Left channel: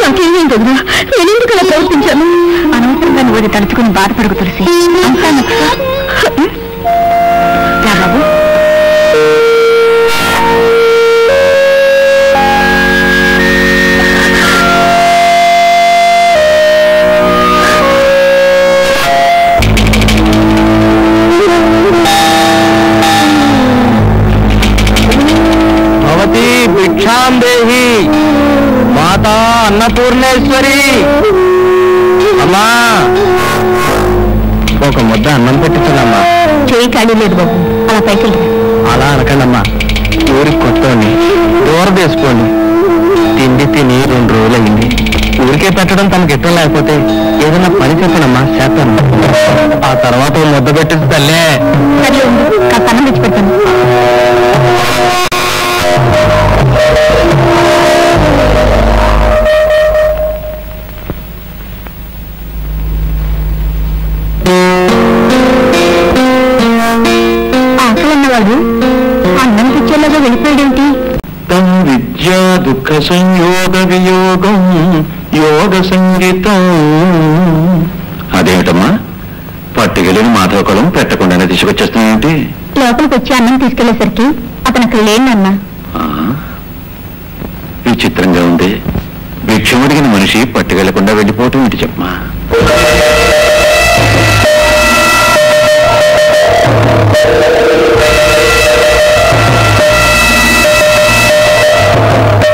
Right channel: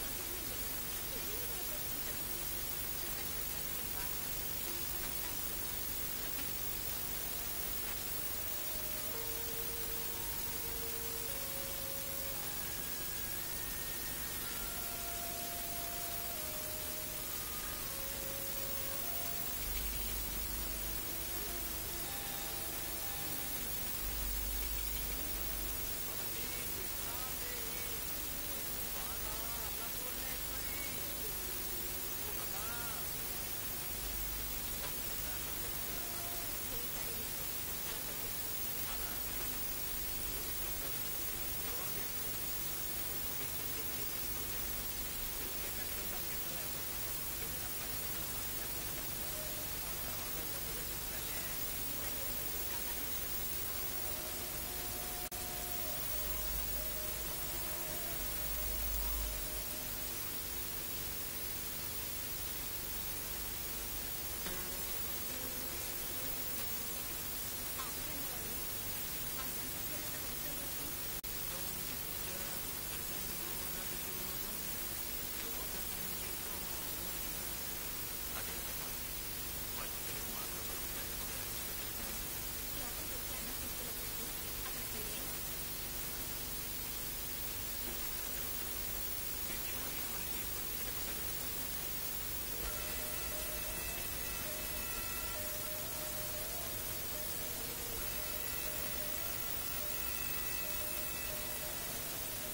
నాకేమేం కదా నేను ఎందుకు అలా ప్రవర్తించాను? అనవసరంగా నువ్వు అది తలుచుకుని బాధపడకు తులసి. అంతా రా బాబు. భిక్షాం దేహి మాతా అన్నపూర్ణేశ్వరి. అమ్మా ఒక ముద్ద అన్నం పెట్టించదమ్మా. చేయి ఖాళీ లేదు బాబు, అలా పైకి అలా అనకండమ్మా. ఊరికి కొత్తని దూరం వేసుకోండి. తిండి తిని 2 రోజులయ్యింది. ఊరికే పెట్టడం తనకి ఇష్టం లేకపోతే ఏదైనా పని చెప్పనమ్మా, చేస్తాను. ఆ తర్వాత ముద్ద పెట్టింది తల్లే. సరే కాస్త అన్నం తెచ్చి పెడతాను. అన్నం తెచ్చేలాగా వెళ్ళిపోయాడేంటి? విద్యా దుఃఖ సంయోగ వియోగం యోగ సంగీతం. అదేమిటమ్మా పట్టుకెళ్ళిన మాధవకులం పెట్టకుండానే తీసుకొచ్చేస్తున్నాయేంటి? లోపలికి వచ్చి అన్నం తీసుకెళ్లేసరికి అతను అక్కడ లేనన్నా. విచిత్రంగా ఉంది. భిక్షం అడిగిన మనిషి పట్టుకెళ్లకుండా వెళ్ళిపోవటం ఏంటి చెప్పమా?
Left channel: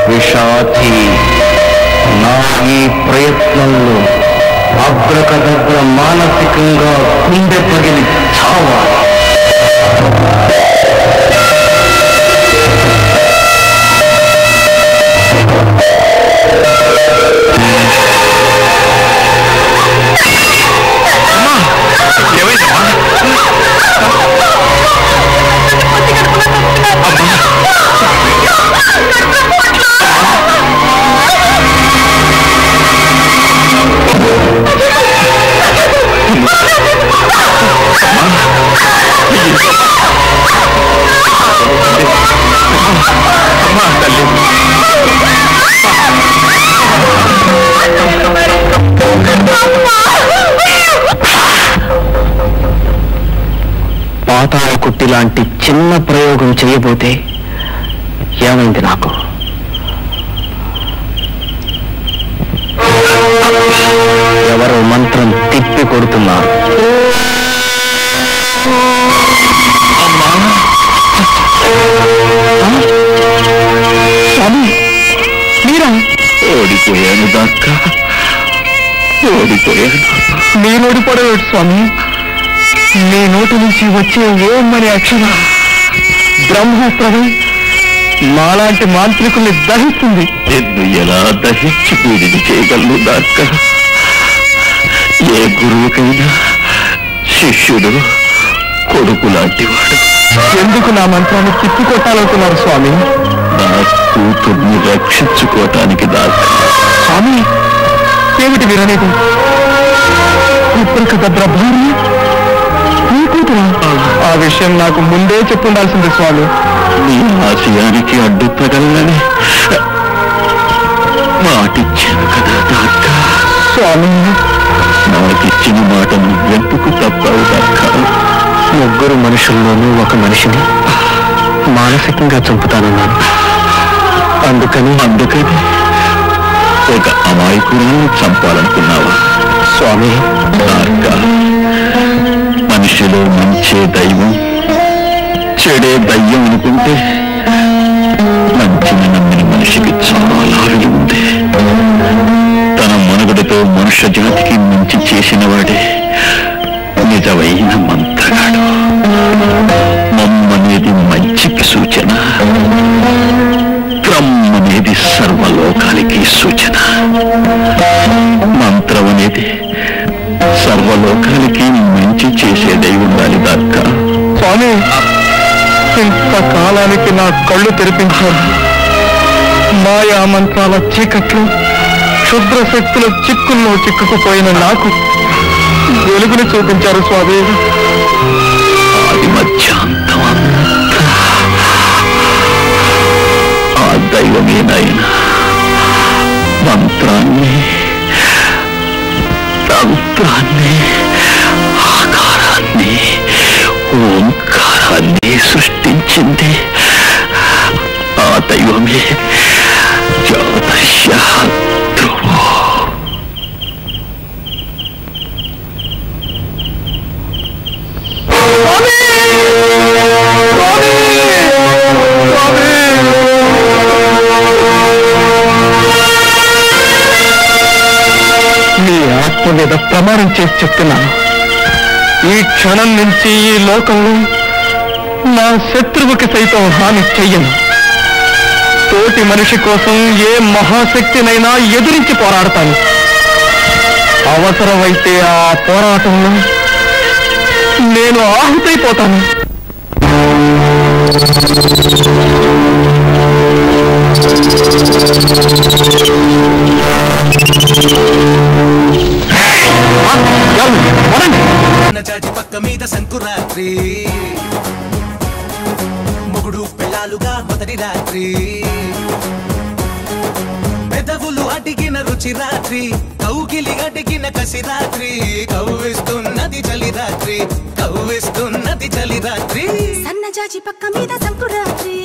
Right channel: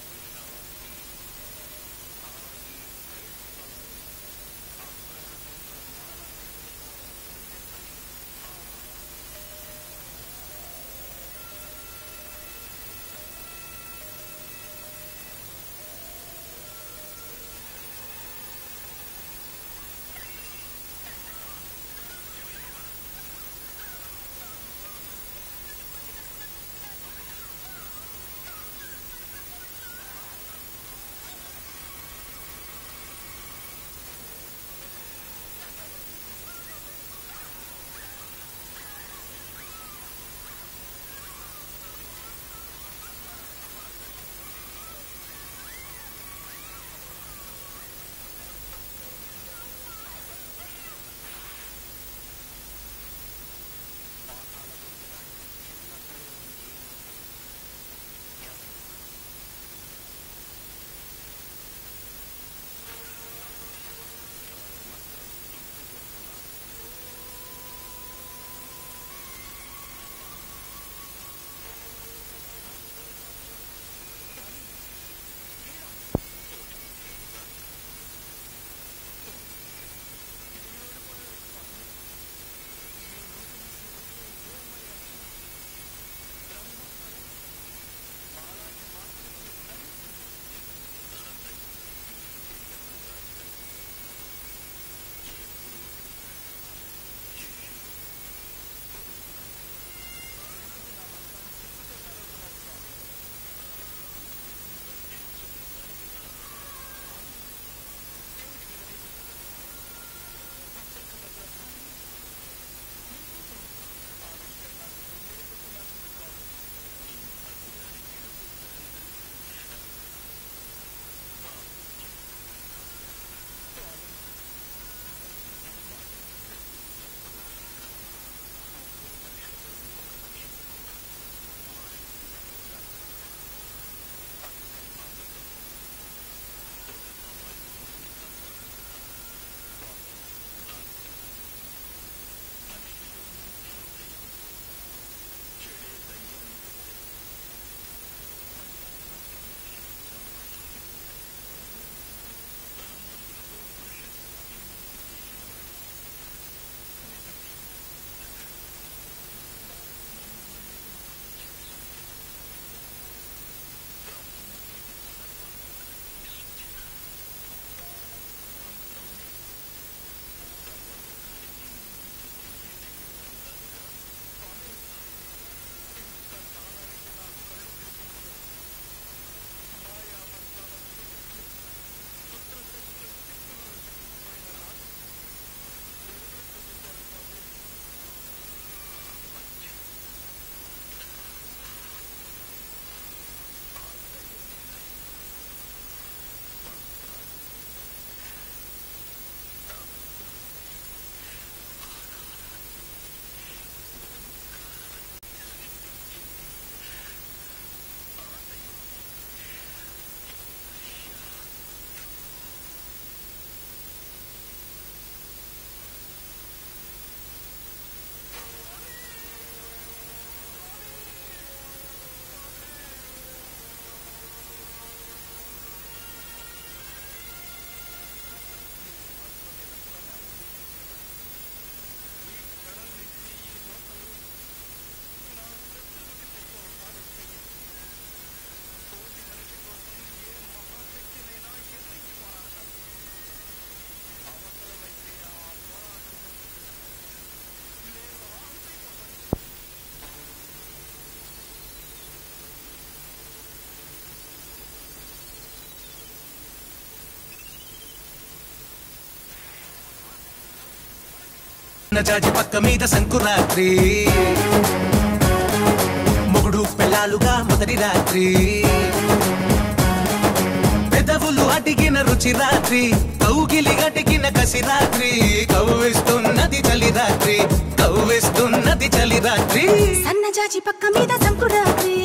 విషాచి నా ఈ ప్రయత్నంలో అగ్రకదగ్ర మానసికంగా గుండె పగిలి చావాలి. పాతాళ కుట్టి లాంటి చిన్న ప్రయోగం చేయబోతే ఏమైంది నాకు? ఎవరో మంత్రం తిప్పి కొడుతున్నారు. స్వామి మీరా? ఓడిపోయాను దాకా ఓడిపోయాను. మీరు ఓడిపోవడం స్వామి? మీ నోటి నుంచి వచ్చే ఓమని అక్షర బ్రహ్మాస్త్రమే మాలాంటి మాంత్రికుల్ని దహిస్తుంది. నిన్ను ఎలా దహించి పూజని చేయగలను దాక్క? ఏ గురువుకైనా శిష్యుడు కొడుకు లాంటివాడు. ఎందుకు నా మంత్రాన్ని తిప్పికొట్టాలనుకున్నారు స్వామి? నా కూతుర్ని రక్షించుకోవటానికి దాకా. స్వామి ఏమిటి మీరనేది? ఇప్పటికి భద్ర భార్య నీ కూతురా? ఆ విషయం నాకు ముందే చెప్పుండాల్సింది స్వామి. నీ ఆశయానికి అడ్డుపడాలని మాటిచ్చాను కదా దాకా. స్వామి నాకిచ్చిన మాట నువ్వెందుకు తప్పవు దాకా? 3 మనుషుల్లోనూ ఒక మనిషిని మానసికంగా చంపుతానన్నాను. అందుకని ఒక అమాయకురాలను చంపాలనుకున్నావా స్వామి? దాకా మనిషిలో మంచే దైవం చెడే దయ్యం అనుకుంటే మంచిని నమ్మిన మనిషికి చాలా విలువ ఉంది. తన మనుగడతో మనుష్య జాతికి మంచి చేసిన వాడే నిజమైన మంత్రగాడు. మమ్మనేది మంచికి సూచన, క్రమ్మనేది సర్వలోకాలకి సూచన. మంత్రం అనేది సర్వలోకాలకి మంచి చేసేదై ఉండాలి దాకా. స్వామి ఇంతకాలానికి నా కళ్ళు తెరిపించారు. మాయా మంత్రాల చీకట్లు క్షుద్ర శక్తుల చిక్కుల్లో చిక్కుకుపోయిన నాకు వెలుగుని చూపించారు స్వామి. ఆది మధ్యాంతం ఆ దైవమేనాయన మంత్రాన్ని తంత్రాన్ని ఆకారాన్ని ఓంకారాన్ని సృష్టించింది ఆ దైవమే జ్యోతిష్యాత్రువు. నీ ఆత్మ మీద ప్రమాణం చేసి చెప్తున్నాను, ఈ క్షణం నుంచి ఈ లోకంలో నా శత్రువుకి సైతం హాని చెయ్యను. తోటి మనిషి కోసం ఏ మహాశక్తినైనా ఎదిరించి పోరాడతాను. అవసరమైతే ఆ పోరాటంలో నేను ఆహుతైపోతాను. చాచి పక్క మీద సంకురాత్రి, మొగుడు పెళ్ళాలుగా మొదటి రాత్రి, పెదవులు అడిగిన రుచి రాత్రి, కౌగిలి అడిగిన కసి రాత్రి, కవ్విస్తున్నది చలి రాత్రి, కవ్విస్తున్నది చలి రాత్రి. సన్నజాజి పక్క మీద సంకురాత్రి.